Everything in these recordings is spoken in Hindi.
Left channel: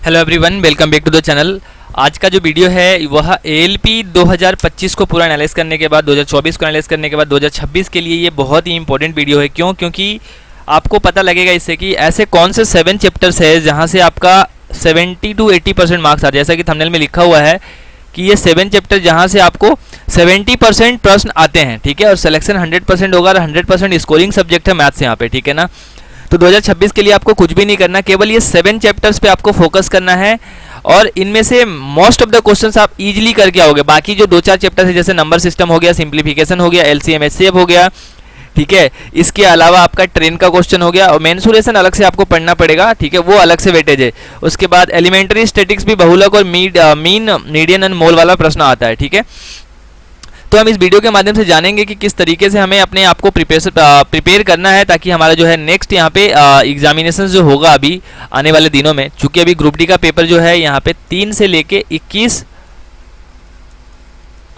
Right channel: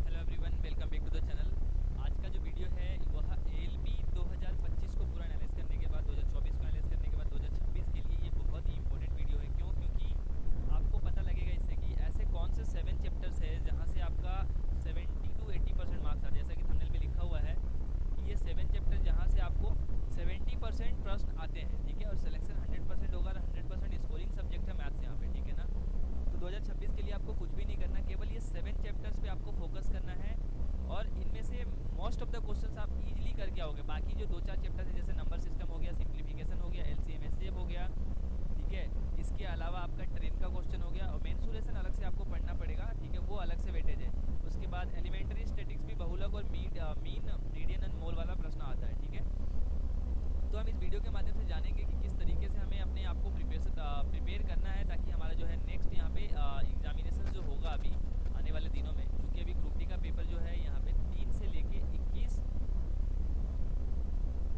Hello everyone, welcome back to the channel. आज का जो वीडियो है वह एएलपी 2025 को पूरा एनालाइज करने के बाद 2024 को एनालाइज करने के बाद 2026 के लिए ये बहुत ही इंपॉर्टेंट वीडियो है। क्यों? क्योंकि आपको पता लगेगा इससे कि ऐसे कौन से 7 चैप्टर्स है जहाँ से आपका 70 to 80% मार्क्स आ जाए। जैसा कि थंबनेल में लिखा हुआ है कि ये 7 चैप्टर जहाँ से आपको 70% प्रश्न आते हैं, ठीक है, और सिलेक्शन 100% होगा और 100% स्कोरिंग सब्जेक्ट है मैथ्स यहाँ पे, ठीक है ना। तो 2026 के लिए आपको कुछ भी नहीं करना, केवल ये 7 चैप्टर्स पे आपको फोकस करना है और इनमें से मोस्ट ऑफ द क्वेश्चंस आप इजीली करके आओगे। बाकी जो 2-4 चैप्टर्स है जैसे नंबर सिस्टम हो गया, सिंप्लीफिकेशन हो गया, एलसीएम एचसीएफ हो गया, ठीक है, इसके अलावा आपका ट्रेन का क्वेश्चन हो गया और मेंसुरेशन अलग से आपको पढ़ना पड़ेगा, ठीक है, वो अलग से वेटेज है। उसके बाद एलिमेंट्री स्टैटिक्स भी बहुलक और मीन मीडियन एंड मोल वाला प्रश्न आता है, ठीक है। तो हम इस वीडियो के माध्यम से जानेंगे कि किस तरीके से हमें अपने आप को प्रिपेयर करना है ताकि हमारा जो है नेक्स्ट यहाँ पे एग्जामिनेशन जो होगा अभी आने वाले दिनों में, चूंकि अभी ग्रुप डी का पेपर जो है यहाँ पे 3 से लेके 21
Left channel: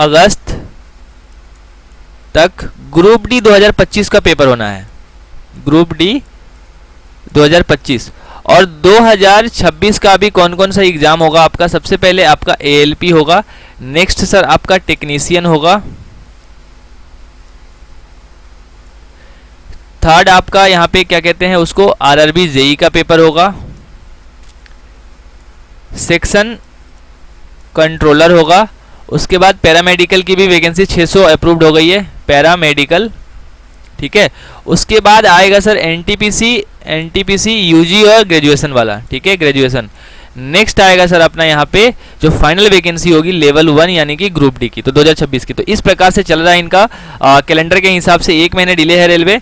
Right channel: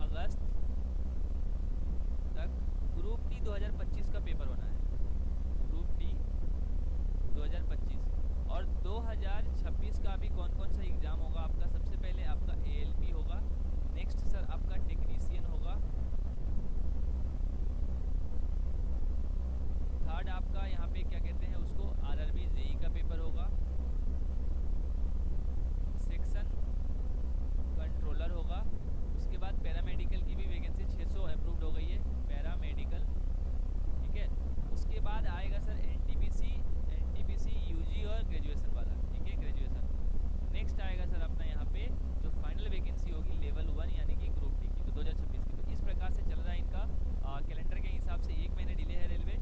अगस्त तक ग्रुप डी 2025 का पेपर होना है। ग्रुप डी 2025 और 2026 का अभी कौन कौन सा एग्जाम होगा आपका। सबसे पहले आपका एएलपी होगा, नेक्स्ट सर आपका टेक्नीशियन होगा, थर्ड आपका यहाँ पे क्या कहते हैं उसको आरआरबी जेई का पेपर होगा, सेक्शन कंट्रोलर होगा। उसके बाद पैरामेडिकल की भी वैकेंसी 600 अप्रूव्ड हो गई है, पैरामेडिकल, ठीक है। उसके बाद आएगा सर एनटीपीसी यूजी और ग्रेजुएशन वाला, ठीक है, ग्रेजुएशन। नेक्स्ट आएगा सर अपना यहाँ पे जो फाइनल वैकेंसी होगी लेवल 1 यानी कि ग्रुप डी की, तो 2026 की। तो इस प्रकार से चल रहा है इनका कैलेंडर के हिसाब से 1 महीने डिले है रेलवे,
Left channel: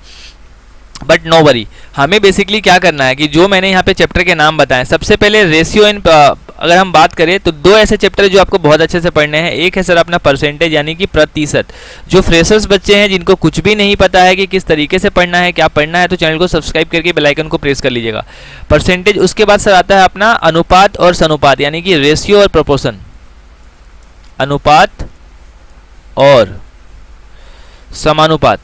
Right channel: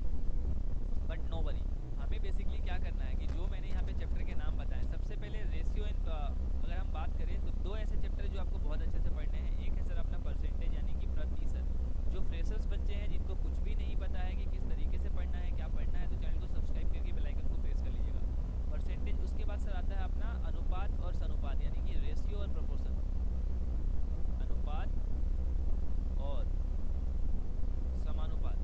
बट नो वरी। हमें बेसिकली क्या करना है कि जो मैंने यहाँ पे चैप्टर के नाम बताए, सबसे पहले रेशियो इन अगर हम बात करें तो 2 ऐसे चैप्टर जो आपको बहुत अच्छे से पढ़ने हैं। एक है सर अपना परसेंटेज यानी कि प्रतिशत। जो फ्रेशर्स बच्चे हैं जिनको कुछ भी नहीं पता है कि किस तरीके से पढ़ना है, क्या पढ़ना है, तो चैनल को सब्सक्राइब करके बेल आइकन को प्रेस कर लीजिएगा। परसेंटेज। उसके बाद सर आता है अपना अनुपात और सनुपात यानी कि रेशियो और प्रोपोर्शन, अनुपात और समानुपात।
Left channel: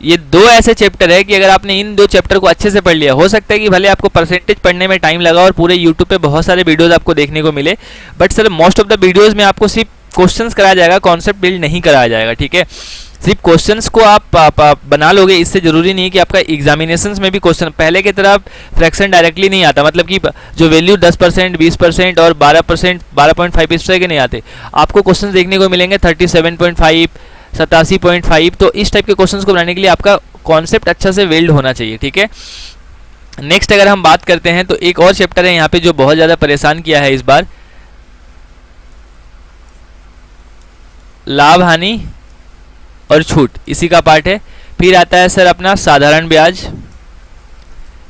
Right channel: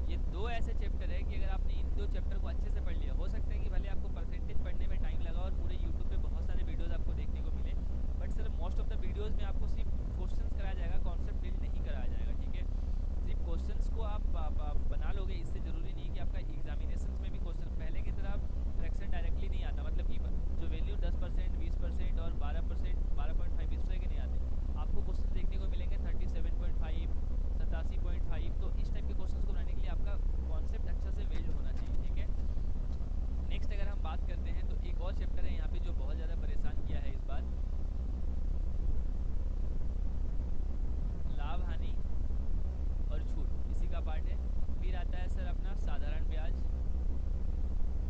ये 2 ऐसे चैप्टर है कि अगर आपने इन 2 चैप्टर को अच्छे से पढ़ लिया, हो सकता है कि भले आपको परसेंटेज पढ़ने में टाइम लगा और पूरे यूट्यूब पे बहुत सारे वीडियोस आपको देखने को मिले, but sir most of the videos में आपको सिर्फ क्वेश्चंस कराया जाएगा, कॉन्सेप्ट बिल्ड नहीं कराया जाएगा, ठीक है। सिर्फ क्वेश्चंस को आप बना लोगे, इससे जरूरी नहीं है कि आपका एग्जामिनेशंस में भी क्वेश्चन पहले की तरह फ्रैक्शन डायरेक्टली नहीं आता, मतलब कि जो वैल्यू 10%, 20% और 12%, 12.5 इस तरह के नहीं आते। आपको क्वेश्चन देखने को मिलेंगे 37.5, 87.5। तो इस टाइप के क्वेश्चंस को बनाने के लिए आपका कॉन्सेप्ट अच्छा से वेल्ड होना चाहिए, ठीक है। नेक्स्ट अगर हम बात करते हैं तो एक और चैप्टर है यहाँ पे जो बहुत ज़्यादा परेशान किया है इस बार, लाभ हानि और छूट, इसी का पार्ट है। फिर आता है सर अपना साधारण ब्याज।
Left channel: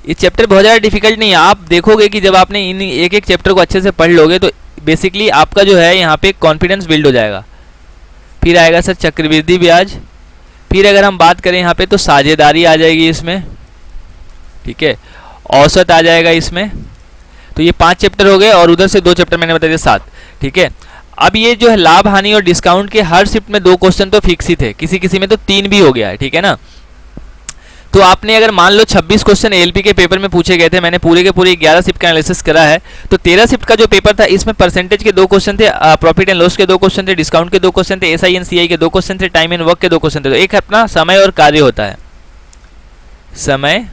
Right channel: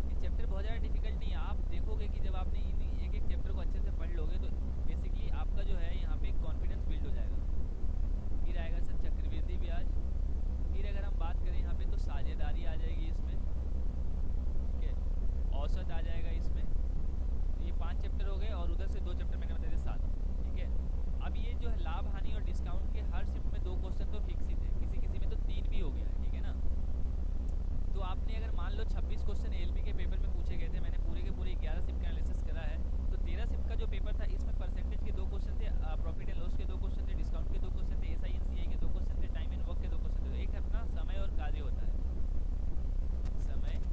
ये चैप्टर बहुत ज़्यादा डिफिकल्ट नहीं है, आप देखोगे कि जब आपने इन एक एक चैप्टर को अच्छे से पढ़ लोगे तो बेसिकली आपका जो है यहाँ पे कॉन्फिडेंस बिल्ड हो जाएगा। फिर आएगा सर चक्रवृद्धि ब्याज। फिर अगर हम बात करें यहाँ पे तो साझेदारी आ जाएगी इसमें, ठीक है, औसत आ जाएगा इसमें। तो ये 5 चैप्टर हो गए और उधर से 2 चैप्टर मैंने बता दिए 7, ठीक है। अब ये जो है लाभ हानि और डिस्काउंट के हर शिफ्ट में 2 क्वेश्चन तो फिक्स ही थे, किसी किसी में तो 3 भी हो गया है, ठीक है ना। तो आपने अगर मान लो 26 क्वेश्चन एएलपी के पेपर में पूछे गए थे, मैंने पूरे के पूरे 11 शिफ्ट का एनालिसिस करा है, तो 13 शिफ्ट का जो पेपर था इसमें परसेंटेज के 2 क्वेश्चन थे, प्रॉफिट एंड लॉस के 2 क्वेश्चन थे, डिस्काउंट के 2 क्वेश्चन थे, एसआई एंड सीआई के 2 क्वेश्चन थे, टाइम एंड वर्क के 2 क्वेश्चन थे। तो एक अपना समय और कार्य होता है, समय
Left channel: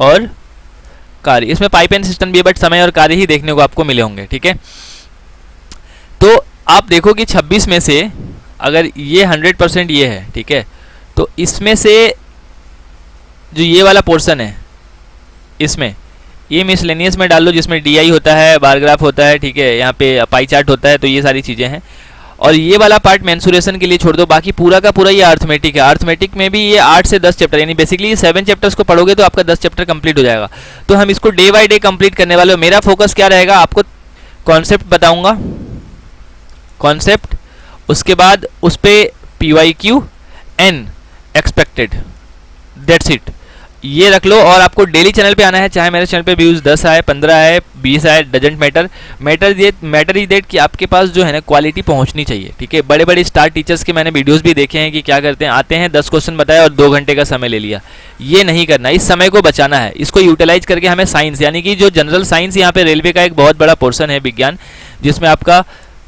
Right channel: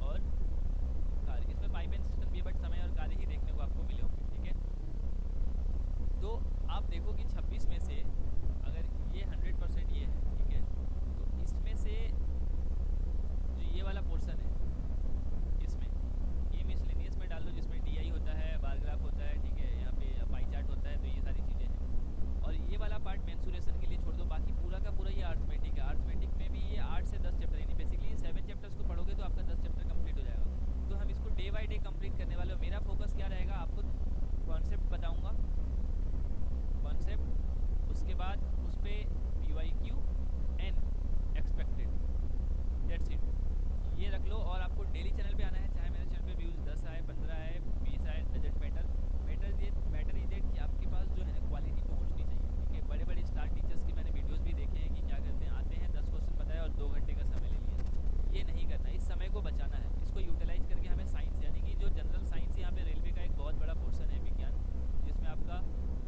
और कार्य। इसमें पाइप एंड सिस्टम भी है बट समय और कार्य ही देखने को आपको मिले होंगे, ठीक है। तो आप देखो कि 26 में से अगर ये 100% ये है, ठीक है, तो इसमें से जो ये वाला पोर्शन है इसमें ये मिसलेनियस में डाल लो जिसमें डीआई होता है, बार ग्राफ होता है, ठीक है, यहाँ पे पाई चार्ट होता है, तो ये सारी चीज़ें हैं। और ये वाला पार्ट मेंसुरेशन के लिए छोड़ दो, बाकी पूरा का पूरा ये अर्थमेटिक है। अर्थमेटिक में भी ये 8 से 10 चैप्टर यानी बेसिकली 7 चैप्टर्स को पढ़ोगे तो आपका 10 चैप्टर कंप्लीट हो जाएगा। तो हम इसको डे बाय डे कंप्लीट करने वाले हो। मेरा फोकस क्या रहेगा, आपको कॉन्सेप्ट बताऊँगा, कॉन्सेप्ट, उसके बाद उस पर PYQ N expected, that's it. ये रख लो। और आपको डेली चैनल पे आना है, चाहे मेरे चैनल पे व्यूज़ 10 आए, 15 आए, 20 आए, doesn't matter. Matter is that कि आपके पास जो है ना क्वालिटी पहुंचनी चाहिए, ठीक है। बड़े बड़े स्टार टीचर्स के मैंने वीडियोस भी देखे हैं कि क्या करते हैं, आते हैं 10 क्वेश्चन बताए और 2 घंटे का समय ले लिया। ये नहीं करना, इस समय को बचाना है, इसको यूटिलाइज करके हमें साइंस, यानी कि जो जनरल साइंस यहाँ पे रेलवे का एक बहुत बड़ा पोर्सन है विज्ञान, जिसमें आपका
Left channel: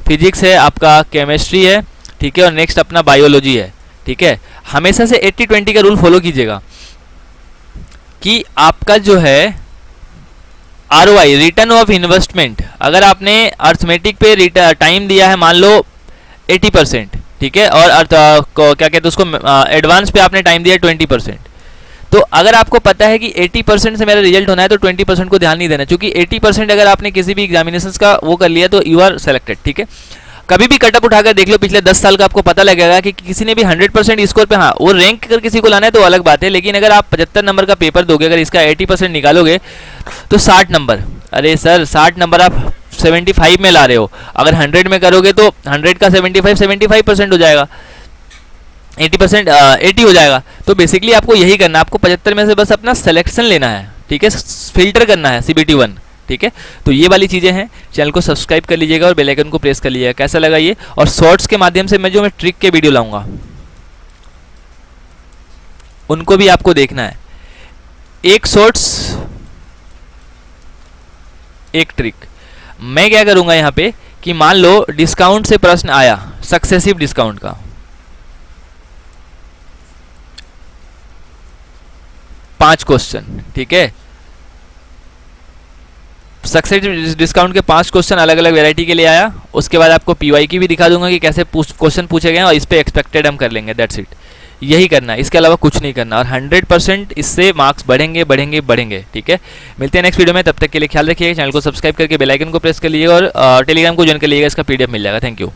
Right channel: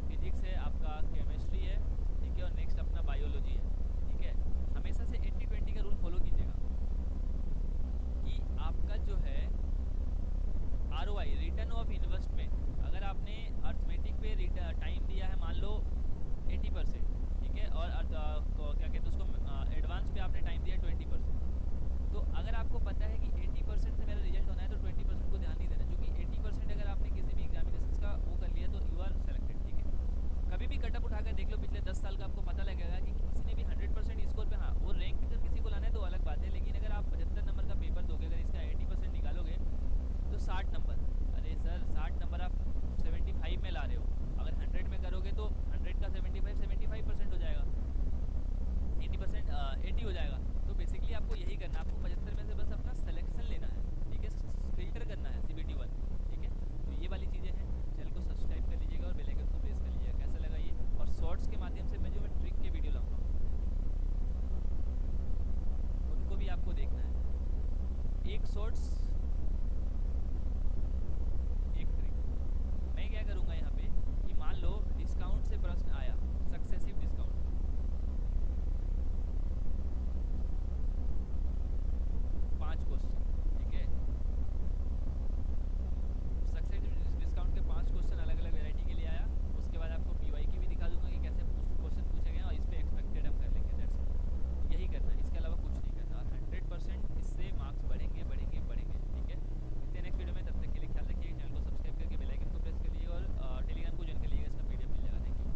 फिजिक्स है, आपका केमिस्ट्री है, ठीक है, और नेक्स्ट अपना बायोलॉजी है, ठीक है। हमेशा से 80-20 का रूल फॉलो कीजिएगा कि आपका जो है ROI, रिटर्न ऑफ इन्वेस्टमेंट, अगर आपने अर्थमेटिक पे टाइम दिया है मान लो 80%, ठीक है, और क्या कहते हैं उसको एडवांस पे आपने टाइम दिया 20%, तो अगर आपको पता है कि 80% से मेरा रिजल्ट होना है तो 20% को ध्यान नहीं देना, क्योंकि 80% अगर आपने किसी भी एग्जामिनेशंस का वो कर लिया तो यू आर सेलेक्टेड, ठीक है। कभी भी कटअप उठाकर देख लो पिछले 10 साल का, आपको पता लगेगा कि किसी ने भी 100% स्कोर पे, हाँ वो रैंक कर किसी को लाना है तो अलग बात है, लेकिन अगर आप 75 नंबर का पेपर दोगे, अगर इसका 80% निकालोगे तो 60 नंबर, अरे सर 60 नंबर आप 75 में ला रहे हो, अगर 100 में करोगे तो 100 का 75% हो जाएगा, 80% 80 हो जाएगा। तो बेसिकली आपको यही करना है, आपको 75 में से बस अपना सिलेक्शन लेना है, ठीक है, फिल्टर करना है CBT 1, ठीक है। तो ये वाली चीज़ें हैं, चैनल को सब्सक्राइब कर लीजिएगा और बेल आइकन को प्रेस कर लीजिएगा। कैसा लगा ये, और शॉर्ट्स के माध्यम से मैं ट्रिक के वीडियो लाऊंगा, उनको भी आपको देखना है। एक शॉर्ट्स एक ट्रिक। मैं क्या करूंगा यहाँ पे कि मान लो डिस्काउंट से प्रश्न आया, सक्सेसिव डिस्काउंट का, 5 क्वेश्चन, ठीक है, सक्सेस डिस्काउंट के 5 क्वेश्चन अलग अलग वैरायटी के लिए आया। उसके बाद आपको PYQ भी दिखा दूंगा कि कैसे क्वेश्चन पूछे गए हैं, और इस पे एक्सपेक्टेड हम कर लेंगे, दैट्स इट। यही करना है, इसके अलावा कुछ नहीं करना, और 100% इससे मार्क्स बढ़ेंगे बढ़ेंगे बढ़ेंगे, ठीक है। मिलते हैं नेक्स्ट वीडियो में, तब तक के लिए ख्याल रखिएगा, चैनल को सब्सक्राइब करके बेल आइकन को प्रेस कर लीजिएगा और टेलीग्राम को ज्वाइन कर लीजिएगा, इसका PDF मिल जाएगा। Thank you.